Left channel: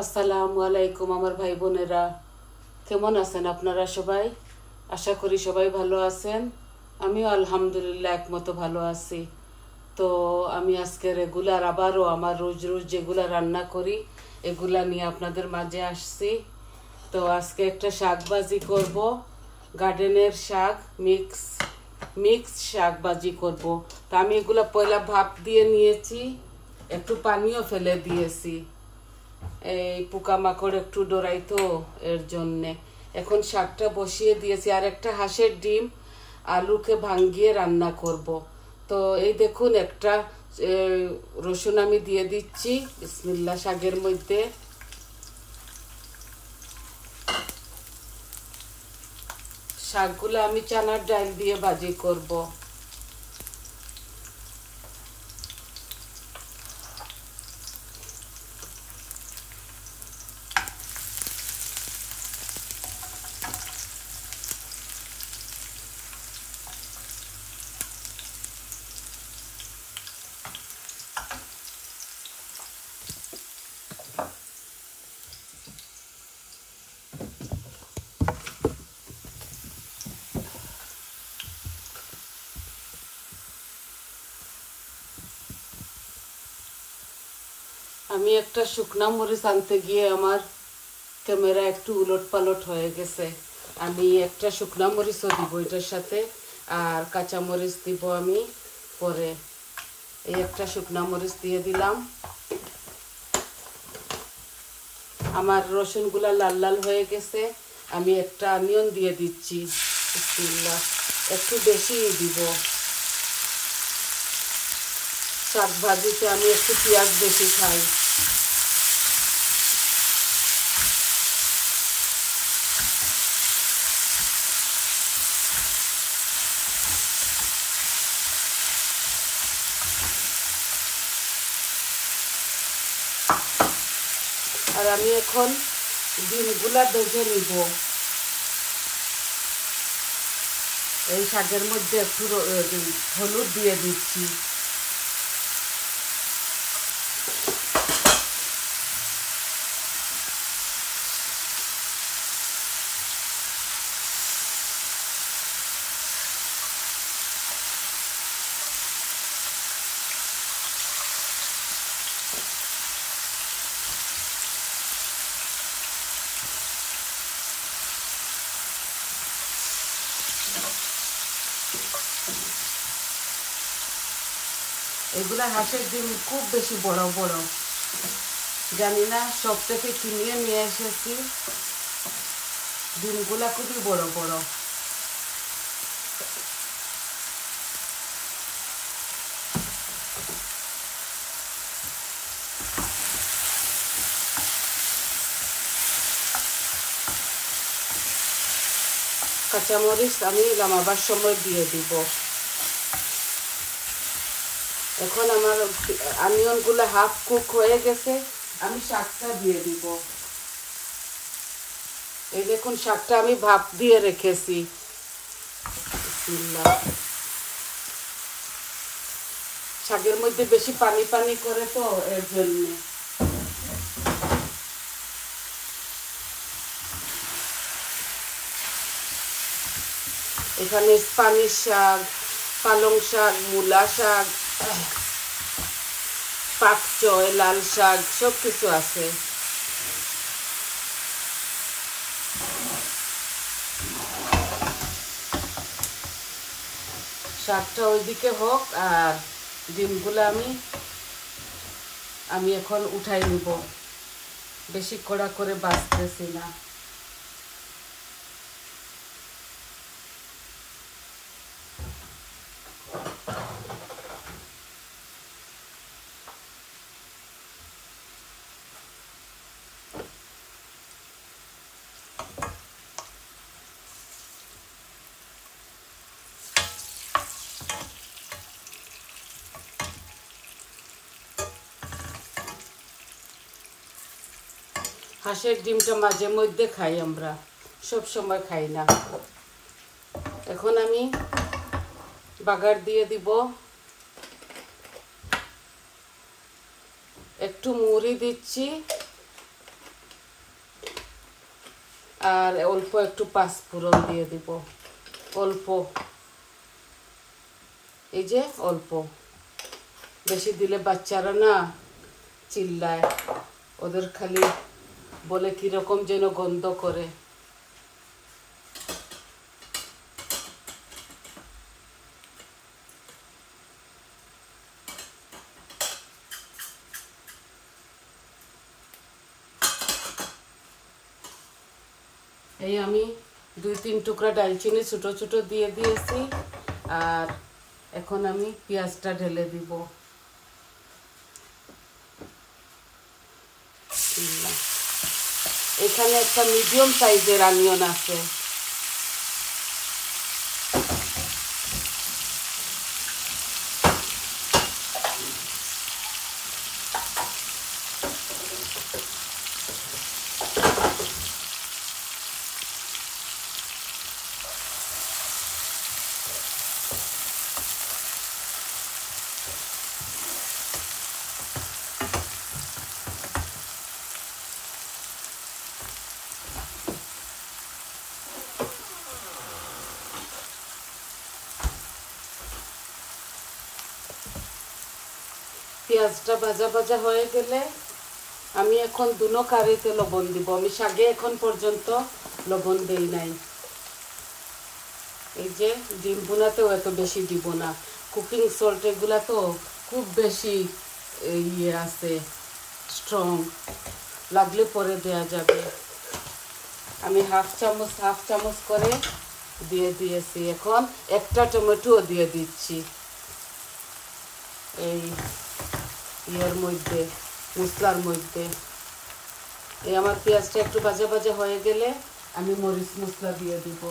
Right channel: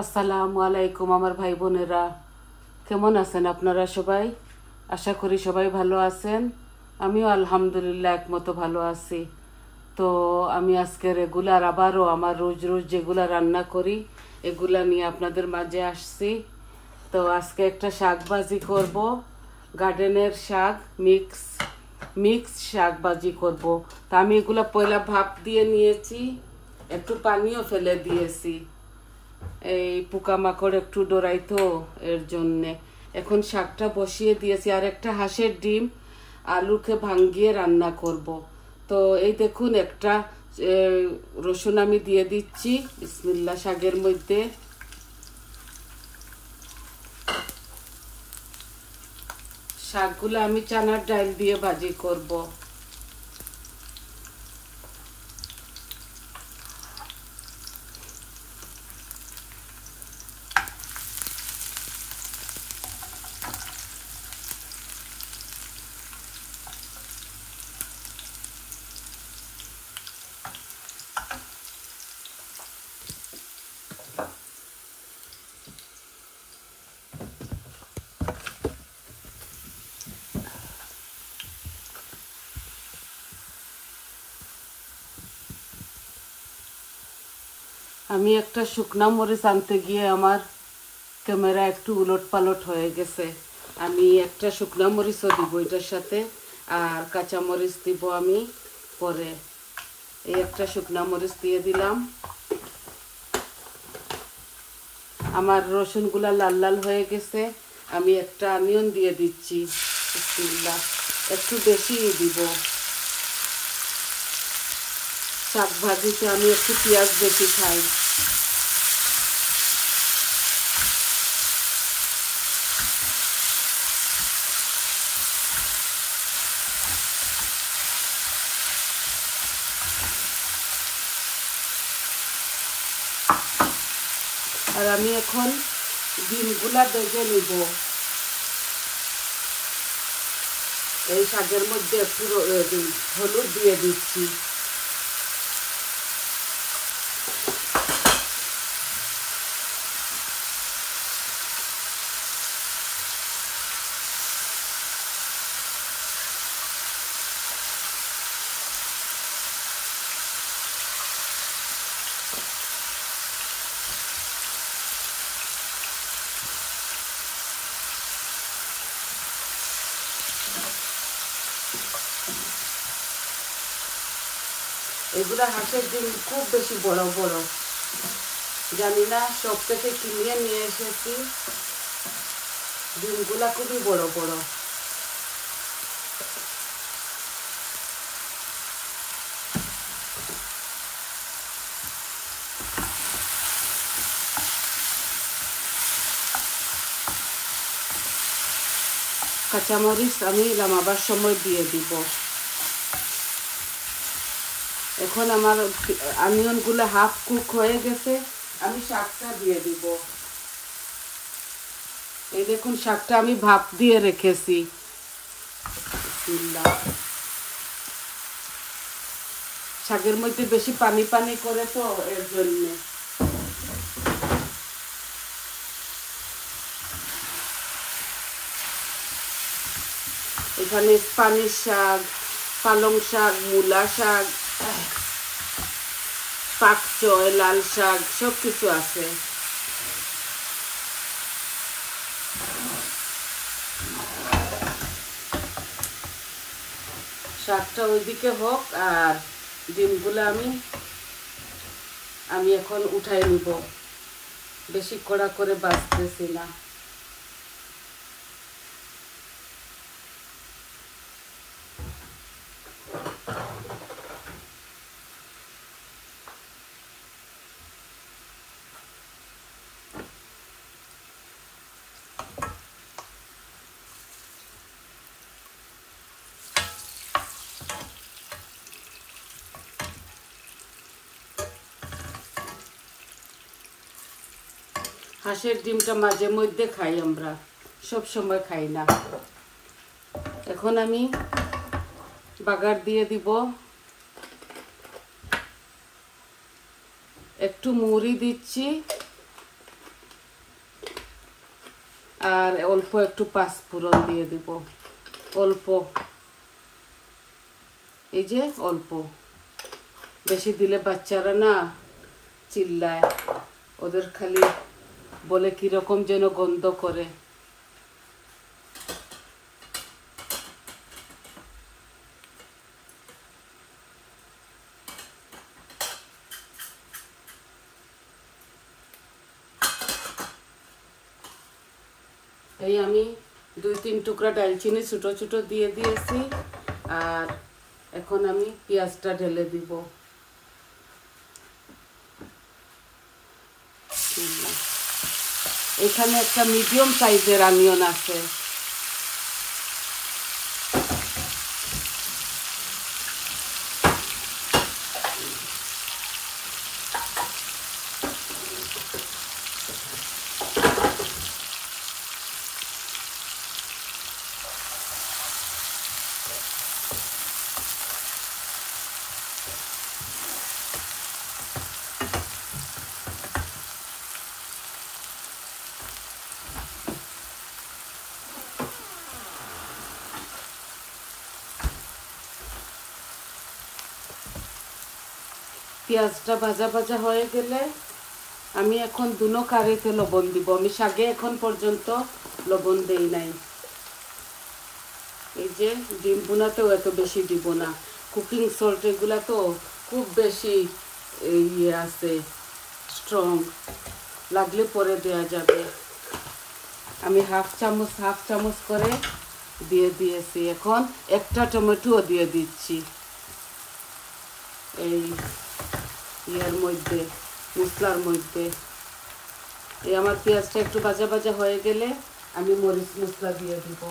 আসসালামু আলাইকুম আমার ভাই বোনেরা, কেমন আছেন আপনারা সবাই? আশা করি সবাই ভালো আছেন। আমিও আলহামদুলিল্লাহ একমতো ভালো আছি। তো আমি আজকে রেগুলার আবারও আমার রোজ রোজ যেগুলা রান্না করি এগুলা নিয়ে আপনাদের মাঝে আসছি। তো আজকে একটা শাক ভাজি করব, গার্ডেনের শাক, মিক্স শাক ভাজি করব। তো আমি এগুলা পয়লা ভাপ দিয়ে নিয়েছি, একটু পানিও ফেলে দিয়েছি, এই পোকামাকড় একটু ডরাইতো এর জন্যে। এখন শাকটা বসিয়ে দিয়েছি, আর একটা হাঁসের ডিম আলুকে ভাঙ্গিয়ে রান্না করব। তো এই দেখুন একটা রসুন আমি দিয়ে দিচ্ছি বিসমিল্লাহ শাকের মধ্যে। শাকগুলো আমি চানার ডাল দিয়ে ভাজি করব। আমি একটা শুকনা মরিচ আনতে গিয়ে আমার ক্যামেরা একটু উলট পালট হয়ে গেছে। আমি একটা শুকনা মরিচও দিব এটার সাথে, আর কাঁচা মরিচ দিব আমি পরে। এই একটা শুকনা মরিচ দিয়ে দিলাম। আমার রসুনগুলা লাল লাল হয়ে গেছে। আমি একটা অনিয়ন দিয়ে দিচ্ছি, বিসমিল্লাহ। একটু বেশি দিব, শাক ভাজিতে আমি একটু পেঁয়াজ বেশি খাই। আর আমি এখন ডিমগুলা ভেজে নিব। এই শাকের মধ্যে একটু হলুদ দিয়ে দিচ্ছি। এগুলা হাঁসের ডিম খুব বেশি বড় বড়, জানি না সব থেকে কিনে নিয়ে এসেছি। ডিমগুলা খুবই বড় বড়। কাঁচামরিচ আমি নামাবার সময় দিয়ে দিব। এখন আমার অনিয়নগুলো হাফ কুক হয়ে গেছে, আমি শাকটা দিয়ে দিব। এই দেখুন শাকটা আমি ভাপ দিয়ে রেখেছি। শাকের মধ্যে বেশি পানি পানি করে তো এর জন্য। এখানে স্প্যানিশ শাক, পালং শাক, মূলা শাক, পাক চয়, লাল শাক সব কিছু আছে। শাকটা ওইদিকে হোক, আর ডিমগুলো আমি এখন উঠাই নিব। বেশি কড়া করে বাছতেছি না। হাঁসের ডিমটা মাঝে মধ্যে খাই আমরা, সব সময় খাই না। এখন আমি বাগার দিয়ে দিব। একটু মুড়ি দিচ্ছি আর অল্প একটু পাঁচফোড়ন দিয়ে দিব, অল্প, এই যে অল্প, বেশি দিলে বাচ্চারা না চিল্লায়, ওদের খালি বলে কিরকম যেন গন্ধ করে। এই আমি 2-3 টুকরা ডালচিনি ছোট ছোট দিয়ে দিয়েছি। আর এখন আমি পেঁয়াজটা ঢেলে দিব। এখানে একটা মিডিয়াম সাইজের অনিয়ন আছে, পেঁয়াজটা ভাজা ভাজা হয়ে গেলে আমি এখন দুনো কারিতে লবণ দিব। আমি শাকে এখন পর্যন্ত লবণ দেই নাই। এই যে ডিম ভুনাতেও এত বেশি দিব না, কুকিং সল্ট এগুলা তো খুব বেশি ইয়ে আছে, স্ট্রং, লাগলে পরে দেওয়া যাবে। আমি হাফ চামচ করে দিয়ে দিয়েছি। এখন একটা টমেটো দিয়ে দিচ্ছি এই ইয়ের মধ্যে, মশলার মধ্যে। এই আমার পেঁয়াজটা একটু ভাজা ভাজা হয়ে গেলে আমি মরিচ মশলা দিয়ে দিব।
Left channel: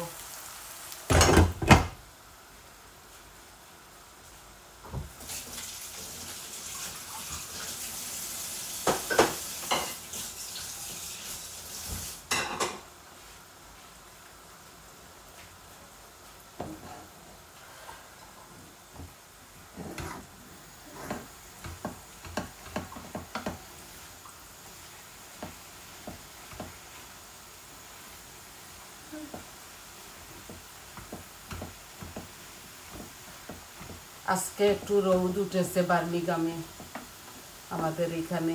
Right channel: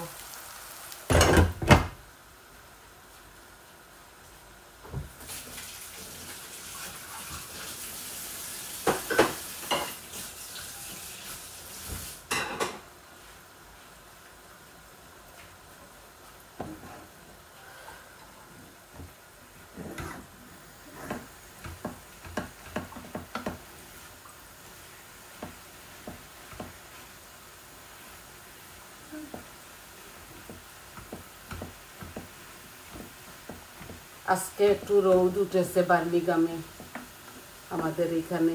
আজকে একটু রোদ উঠেছে বার্মিংহামে, আমাদের এখানে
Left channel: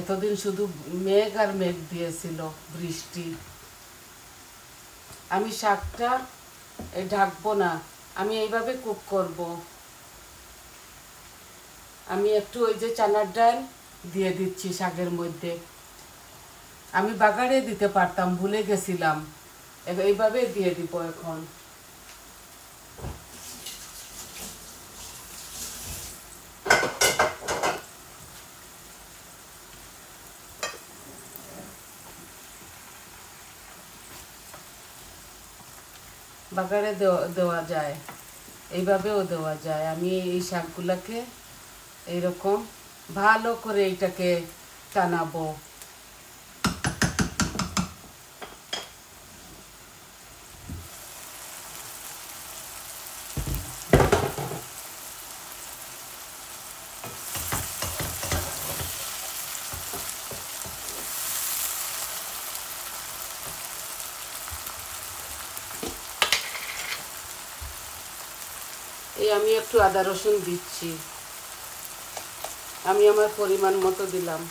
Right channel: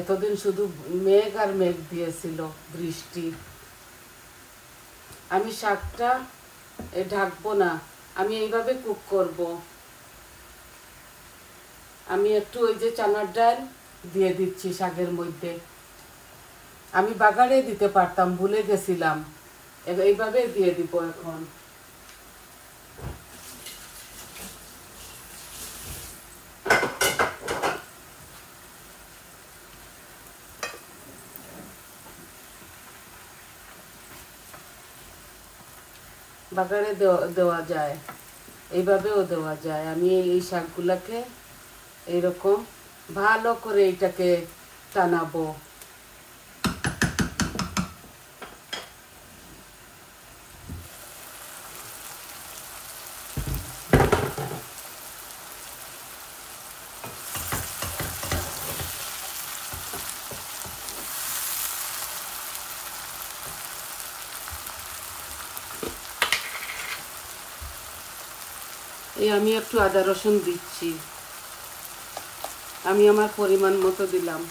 এতদিন শুধু মেঘ আর মেঘ দিয়েছিল, বৃষ্টি। আমি শাকটা ঢাকবো না, আমি এইভাবে কুক করব। আমি একটু ওই যে চানার ডাল দিয়ে দিচ্ছি শাকের মধ্যে। আমি বাগারে দিতে পারতাম, ভুলে গেছিলাম, এইভাবে দিয়ে দিব এখন। বাগারে দেওয়া যায়, এইভাবেও দেওয়া যায়। আমি এই শাকগুলোকে এইরকম ভালো করে এইটাকে টানাবো। আমি একটু আদা রসুন দিচ্ছি, আমি আমার পরিমাণ মতো দিলাম।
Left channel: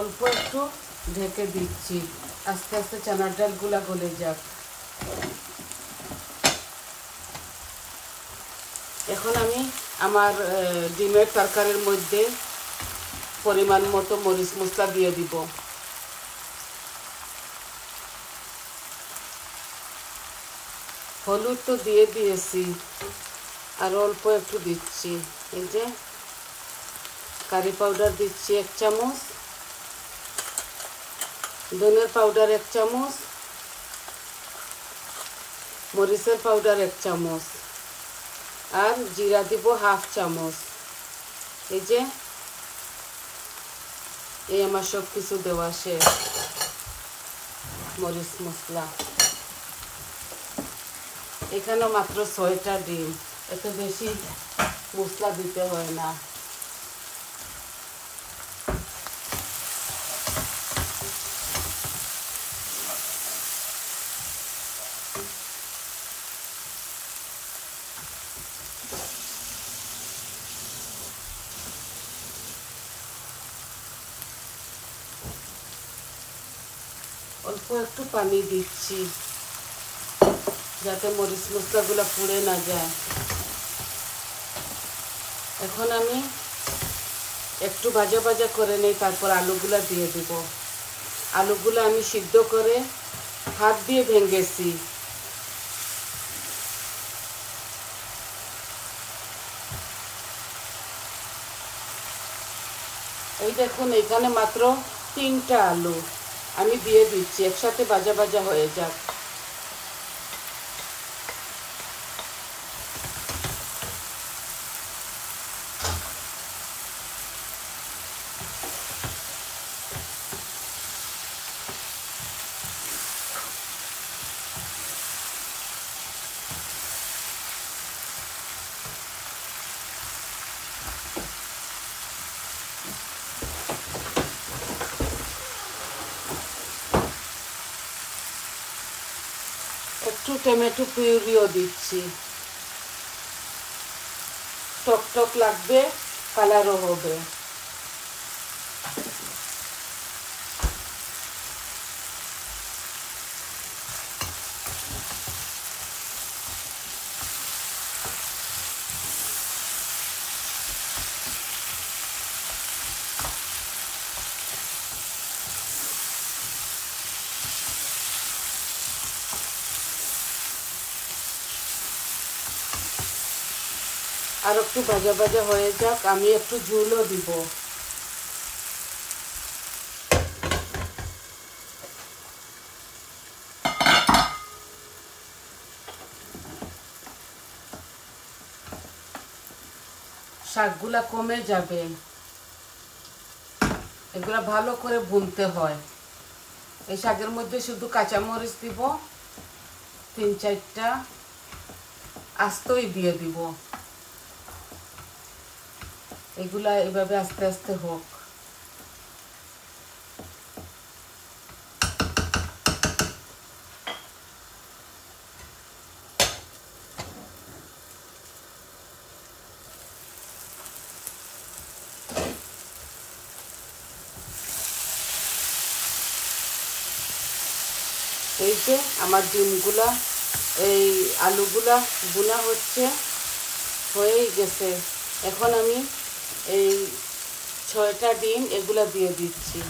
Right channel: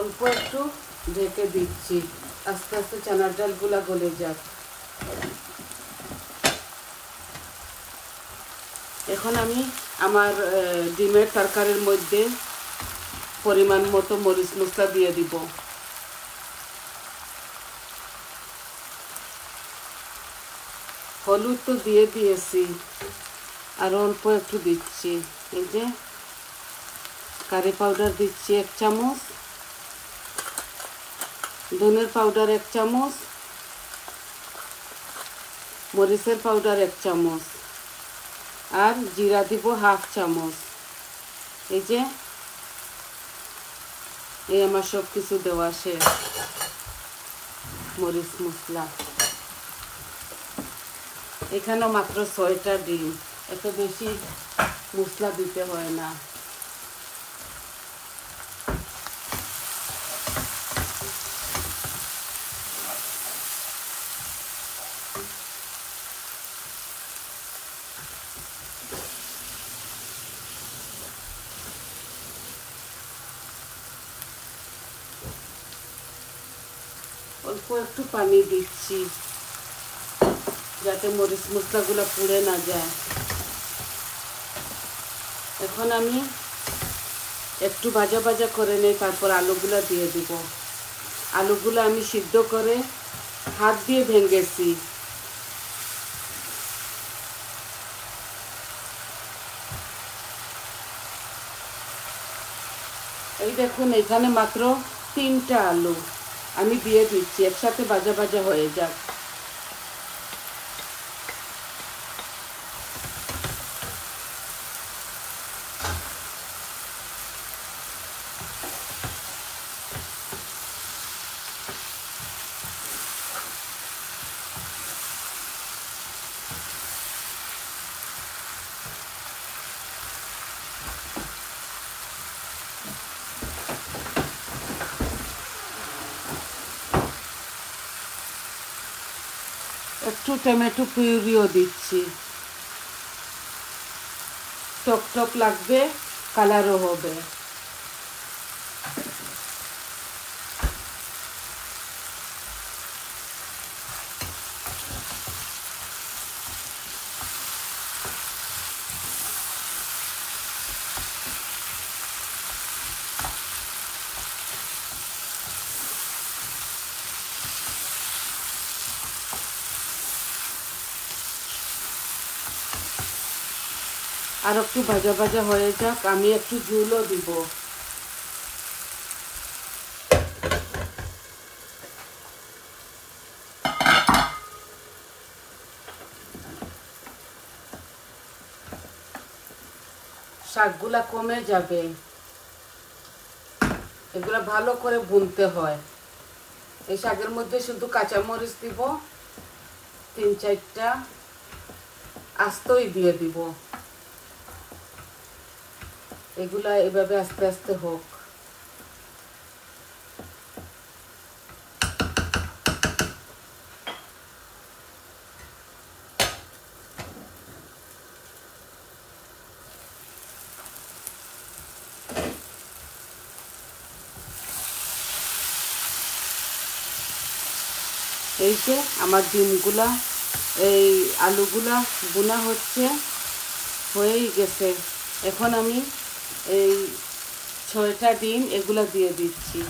অল্প একটু ঢেকে দিচ্ছি, আস্তে আস্তে চানার ডালগুলা গলে যাক। এখন আমি আমার ডিমের তরকারির মধ্যে পরিমাণ মতো মরিচ মশলা দিয়ে দিব। হলুদ তো দিয়ে দিয়েছি, আর অল্প একটু দিচ্ছি। এই যে কারি পাউডার দিচ্ছি 1 চামচ, ধনের পাউডার 1 চামচ, মরিচের পাউডার 1 চামচ, আর জিরা দিব 1/2 চামচ। এই যে এই আমার সব কিছু দেওয়া শেষ। মরিচ মশলা এখানে মাত্র 6টা ডিম, এত বেশি মশলা দিতে হয় না। অল্প একটু পানি দিচ্ছি যাতে মরিচ মশলাগুলো পুড়ে না যায়। এখন আমি একটু ভাজা ভাজা করে নেই, তারপর আলুগুলো দিয়ে দিব। আলুগুলো আমি সিদ্ধ করে হাত দিয়ে ভেঙেছি। এই দেখুন এখানে মাত্র 3টা আলু আমি দিয়ে দিচ্ছি, একসাথে ভাজা ভাজা হয়ে যাক। একটু টমেটো পিউরিও দিচ্ছি, টক টক লাগবে, কালারও হবে। আর একটু ভাজা ভাজা হয়ে যাক, আমি একটু ঝোলও দিব। শাকগুলা কমে যাবে, এগুলা ভালো করে ভুনতে হয়। এই শাকের মধ্যে শুধু কাঁচামরিচ দিব, 3-4টা আস্তই দিয়ে দিব। এগুলা এভাবে আস্তে আস্তে হোক। এই যে আমার ডিমগুলা, এই আলুগুলা বোনা হচ্ছে, হয়েই গেছে। এখন আমি এই 6টা ডিম এগুলা দিয়ে দিচ্ছি।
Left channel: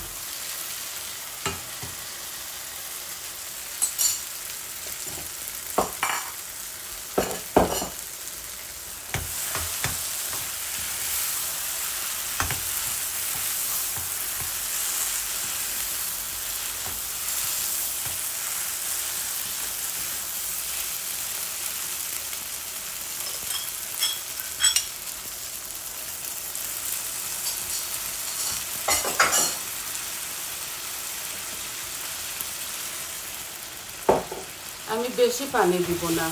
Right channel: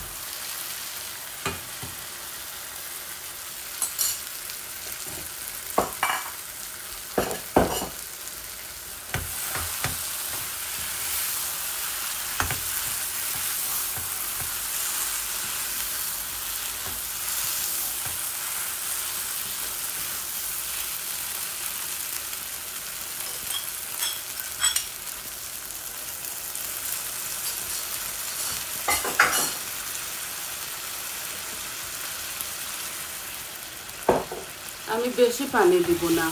আমি বেশি পানি দিব না,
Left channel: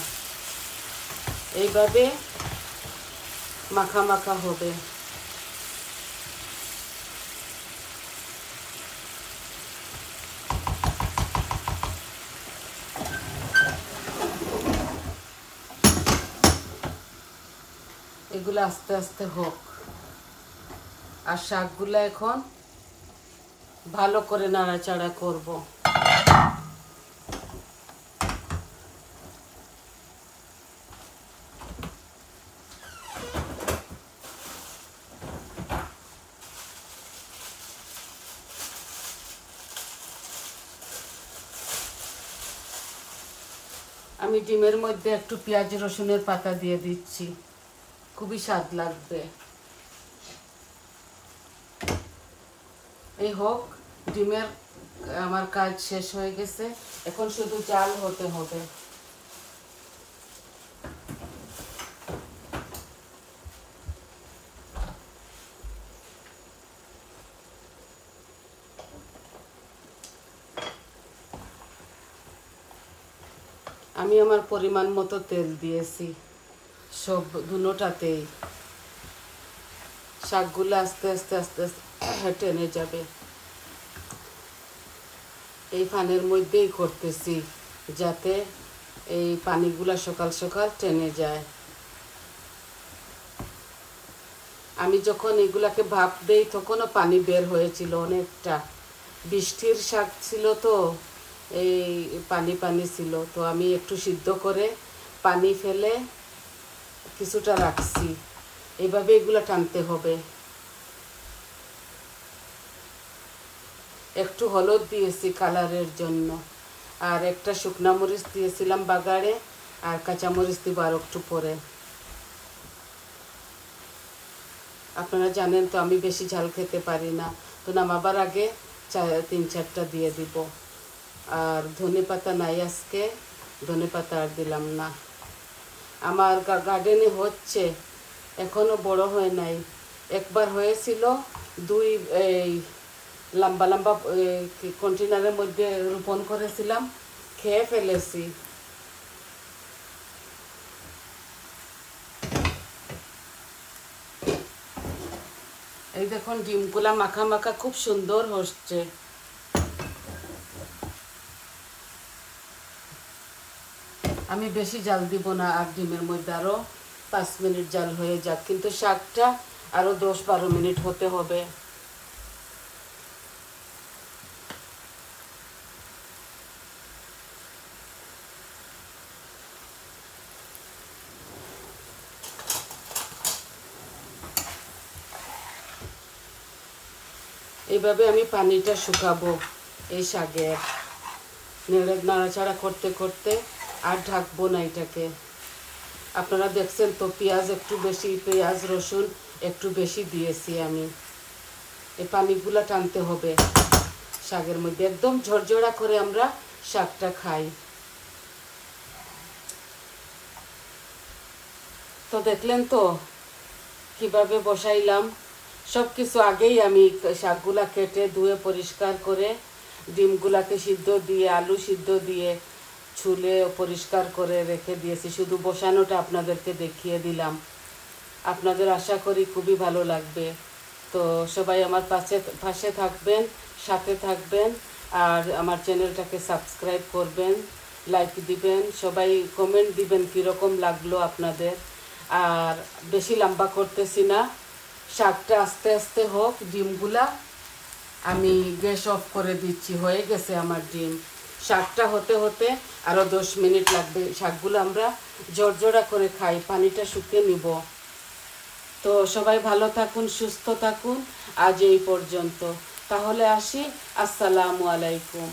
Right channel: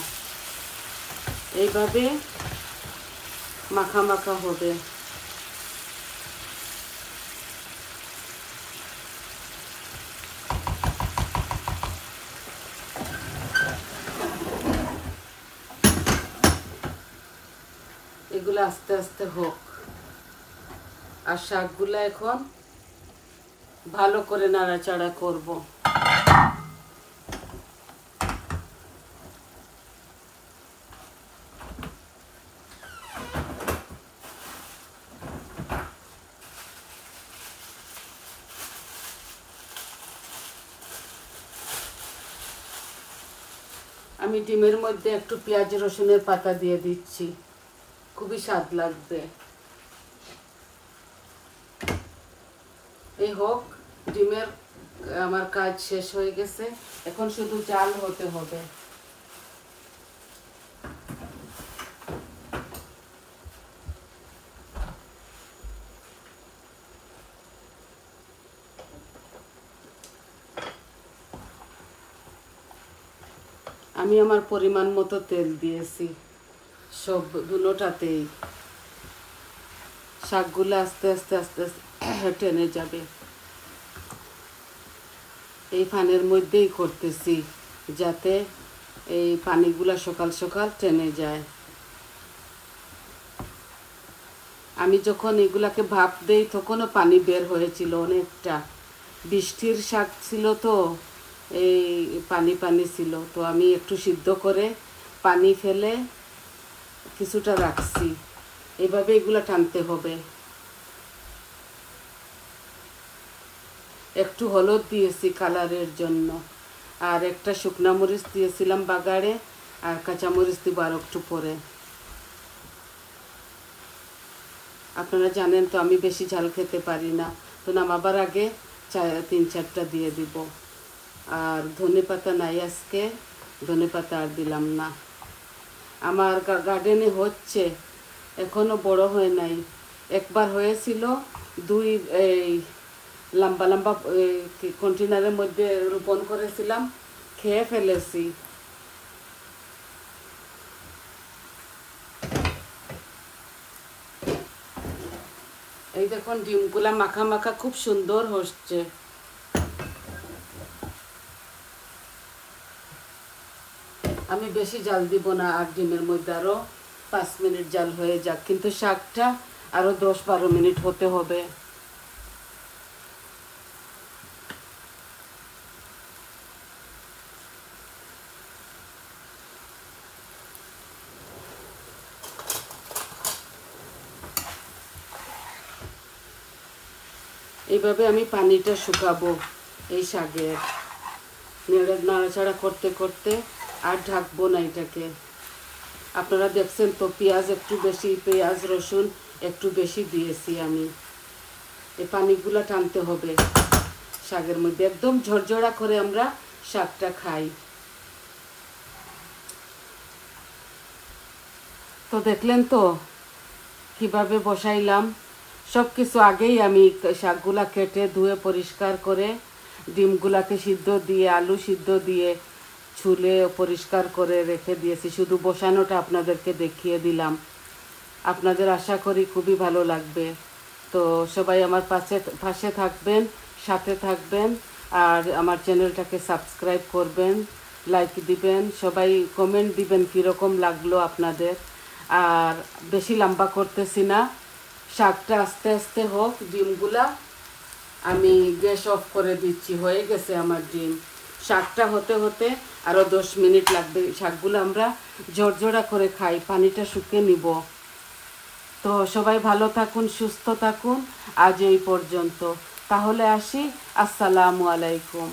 এইভাবে মাখা মাখা হবে। এগুলো আস্তে আস্তে হোক। আর শাকগুলো এখন ভালো করে নাড়াচাড়া করব। আমি ডিমের মধ্যে একটু পেঁয়াজ রসুনের পাতা দিয়ে দিচ্ছি, খুবই স্বাদ লাগবে। এই হোক, ডিমের আমার কাজ শেষ হয়ে গেছে, এখন শুধু চাল হতে হবে। আমি আমার পরিমাণ মতো তেল দিয়েছি সবগুলোটাতেই। শাকগুলো আস্তে আস্তে আস্তে আস্তে টেনে যাবে। এই ফানের মধ্যেই করতেছি যাতে এই পানিগুলা সকাল সকাল টেনে যায়। আমি যখন এগুলাকে ভাপ দেই তখনও পানি বের হয়েছিল অনেকটা। বৃষ্টির শাক ছিল তো এই পানি পানি ছিল, তো আমি একটু সিদ্ধ করে পানি ফেলে কিছুটা রাখছি। এভাবে এগুলো টানতে হবে। একটু হলুদ দিয়েছি কালারের জন্য, আর একটা শুকনা মরিচ দিয়েছিলাম বাগারে, আর কাঁচামরিচ দিব আর একটু পরে। আপনারা জানেন তো আমি বেশি ঝাল খেতে পারি না, তো নামাবার আগে 3-4টা দিয়ে দিব। আর ধনে পাতা নাই আজকে, ধনে পাতা আর দিলাম না। আমার গার্ডেনে হচ্ছে, এখনো বড় হয় নাই। একবার হয়েছিল, 2 লম্বা লম্বা কন্টেনারের মধ্যে রোপণ করেছিলাম, খেয়ে ফেলেছি। এই দেখুন ডিমগুলা মাখা মাখা খুব সুন্দর হচ্ছে। আমি বেশি জাল দিব না, আর ডিমের মধ্যে আরো 5 মিনিট জাল হয়ে যাক, কিন্তু শাকটা আরো 10-12 মিনিট হতে হবে। এইভাবে আমি পানিটা শুকাবো এই শাকে, নাড়াচাড়া করতে করতে। আর ঢাকবো না এটাকে। আপনারা দেখছেন তো পেঁয়াজ একটু বেশি, পেঁয়াজ রসুন একটু বেশি দিয়েছি আমি। এই পানিগুলো টানতে হবে শাকের মধ্যে, একদম ঝরঝরা করে আমরা শাকটা খাই। তো দেখলেন তো কিভাবে বসাইলাম। সব কিছু আগেই আমি শাকগুলা কেটে ধুয়ে পরিষ্কার করে, ডিমগুলাকে সিদ্ধ দিয়ে, আলু সিদ্ধ দিয়ে ছুলে পরিষ্কার করে রেখে দিয়েছি। শুধু বসানোটা আপনাদেরকে দেখিয়ে দিলাম। আপনাদের আশা করি খুবই ভালো লাগবে। তো সবাই আমার পাশে থাকবেন, সাথে থাকবেন, আর আমার চ্যানেলটাকে সাবস্ক্রাইব করবেন, লাইক দিবেন, সবাই কমেন্ট দিবেন কীরকম লাগলো আপনাদের। আর বেশি লম্বা করতেছি না, শাকটা আস্তে আস্তে হোক। ডিমগুলা আমি গ্যাস অফ করে দিচ্ছি, হয়ে গেছে আমার ডিম। শাকটা হতে হতে আরও 10 মিনিট লাগবে। শাকগুলো আমরা ঝরঝরা করে খাই, পানিটা শুকিয়ে নিব। তো সবাই ভালো থাকুন, সুস্থ থাকুন। আজ এই পর্যন্ত, তাহলে আসি। আসসালামু আলাইকুম।